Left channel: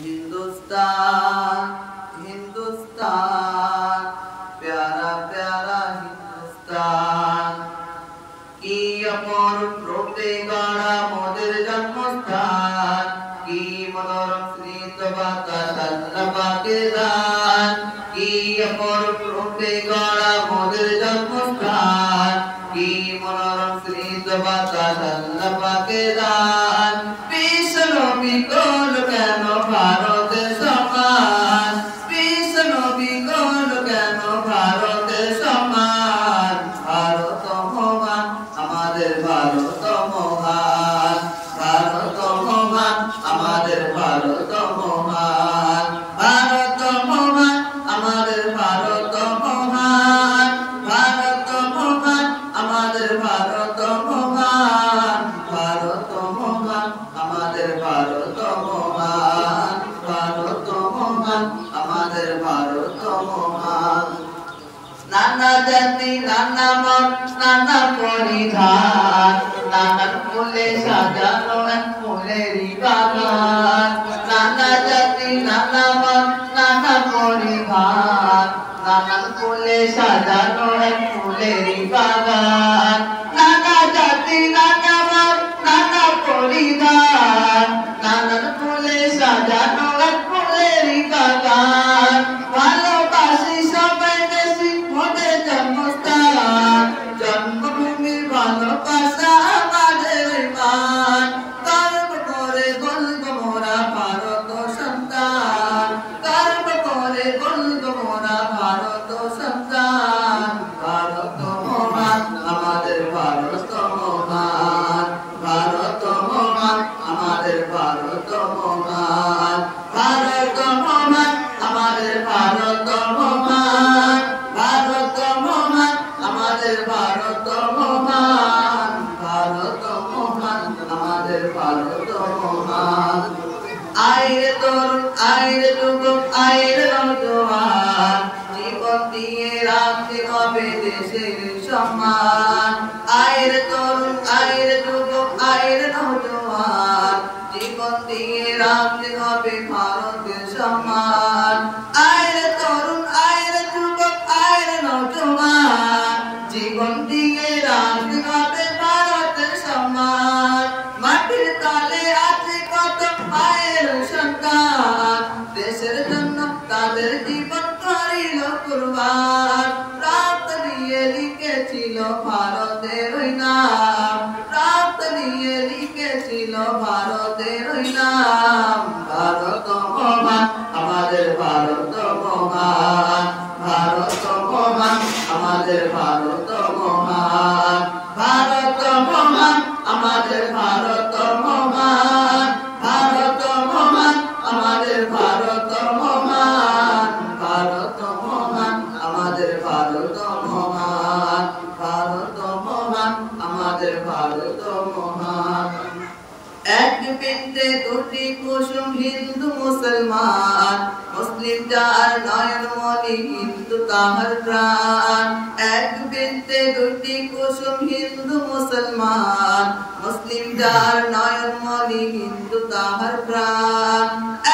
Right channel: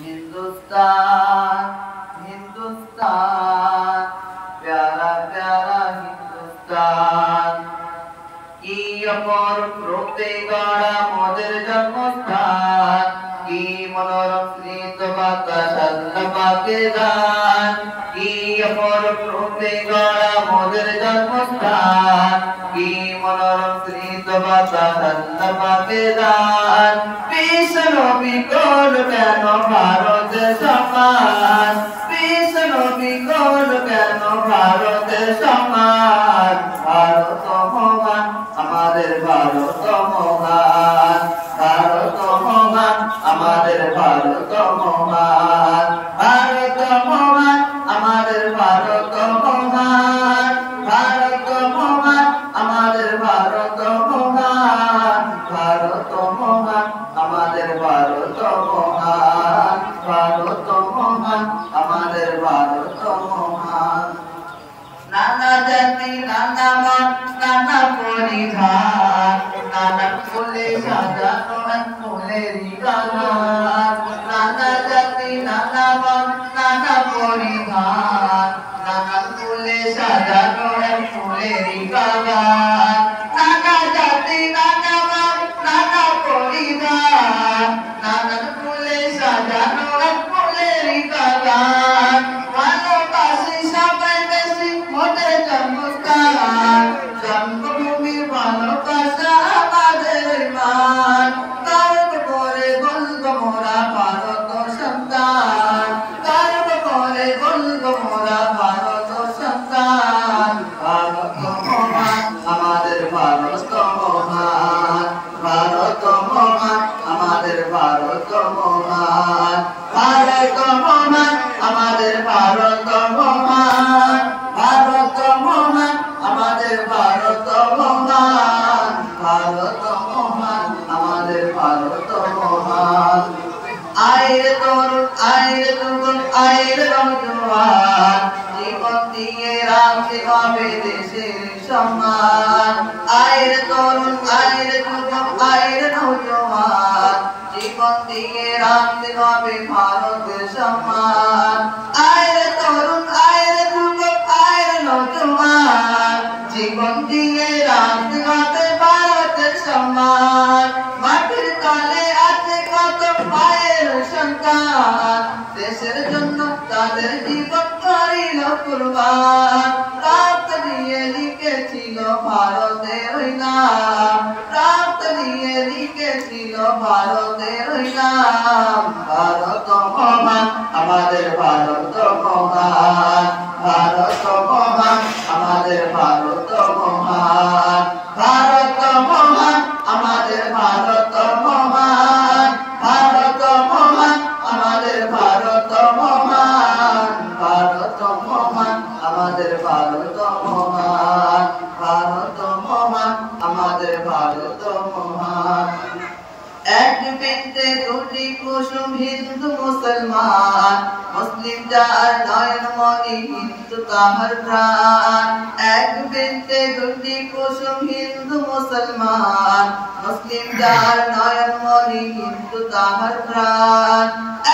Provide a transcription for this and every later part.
हिंदुस्तान हिंदुस्तान प्यारा प्यारा हिंदुस्तान की अपर रूपे गड़ा मोদের जन्मस्थान की मनोरम स्निग्ध बातास আল্লাহ পাকের দান की अपर रूपे गड़ा मोদের जन्मस्थान की मनोरम स्निग्ध बातास আল্লাহ পাকের দান বিশ্বনবী কোন কেন ভারতের সমান বিশ্বনবী কোন কেন ভারতের সমান ভারত মহান আমাদের ভারত মহান ভারত মহান আমাদের ভারত মহান ভারত মহান আমাদের ভারত মহান ভারত মহান আমাদের ভারত মহান ভারত মহান আমাদের ভারত মহান ভারত মহান আমাদের ভারত মহান নানা জাতি নানা মত নানা পরিধান নানান ফুলে সাজানো এক ফুলেরই বাগান নানা জাতি নানা মত নানা পরিধান নানান ফুলে সাজানো এক ফুলেরই বাগান নানা জাতি নানা মত নানা পরিধান নানান ফুলে সাজানো এক ফুলেরই বাগান ভালোবাসি সবাই বেশি মোদের জন্মস্থান জন্মভূমির ভালোবাসা আমাদের মান গর্ব করে বলবো মোরা ভারত সন্তান গর্ব করে বলবো মোরা ভারত সন্তান ভারত মহান আমাদের ভারত মহান ভারত মহান আমাদের ভারত মহান ভারত মহান আমাদের ভারত মহান ভারত মহান আমাদের ভারত মহান ভারত মহান আমাদের ভারত মহান আইরে তরুণ আইরে যুবক আইরে নওজোয়ান জীবন দিয়ে রাখতে হবে দেশের সম্মান আইরে তরুণ আইরে যুবক আইরে নওজোয়ান জীবন দিয়ে রাখতে হবে ভারতের সম্মান আইরে তরুণ আইরে যুবক আইরে নওজোয়ান জীবন দিয়ে রাখতে হবে ভারতের সম্মান মাটির তলে আছে কত মায়ের সন্তান দেশের জন্য তাদের জীবন করিল কুরবান রক্ত দিয়ে লিখেছিল ভারতের নাম রক্ত দিয়ে লিখেছিল ভারতের নাম ভারত মহান আমাদের ভারত মহান ভারত মহান আমাদের ভারত মহান ভারত মহান আমাদের ভারত মহান ভারত মহান আমাদের ভারত মহান ভারত মহান আমাদের ভারত মহান ভারত মহান আমাদের ভারত মহান এক বৃন্তে দুটি কুসুম হিন্দু মুসলমান মুসলিম যার নয়ন মনি হিন্দু তাহার প্রাণ এক বৃন্তে দুটি কুসুম হিন্দু মুসলমান মুসলিম যার নয়ন মনি হিন্দু তাহার প্রাণ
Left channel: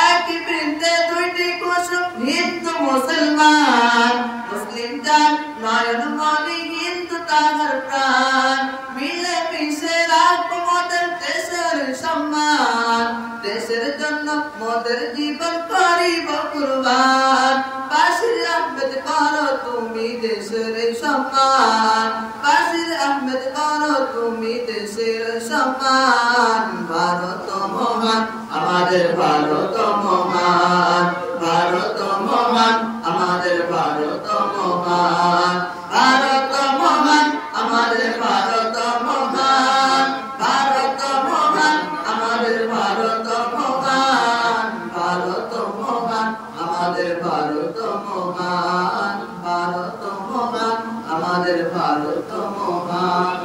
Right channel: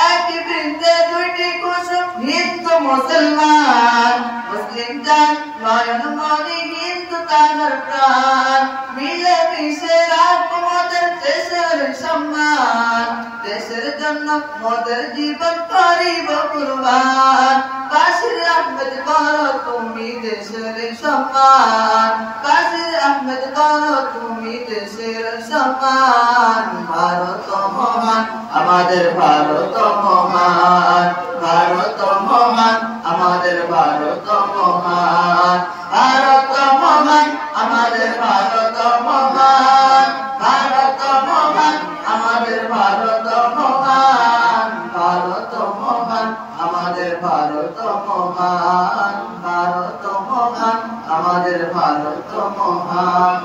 এক বৃন্তে দুটি কুসুম হিন্দু মুসলমান মুসলিম যার নয়ন মনি হিন্দু তাহার প্রাণ মিলে মিশে রাখবো মোদের দেশের সম্মান দেশের জন্য মোদের জীবন করিব কুরবান বাশির আহমেদ করো তুমি দেশের সম্মান বাশির আহমেদ করো তুমি দেশের সম্মান ভারত মহান আমাদের ভারত মহান ভারত মহান আমাদের ভারত মহান ভারত মহান আমাদের ভারত মহান ভারত মহান আমাদের ভারত মহান ভারত মহান আমাদের ভারত মহান ভারত মহান আমাদের ভারত মহান।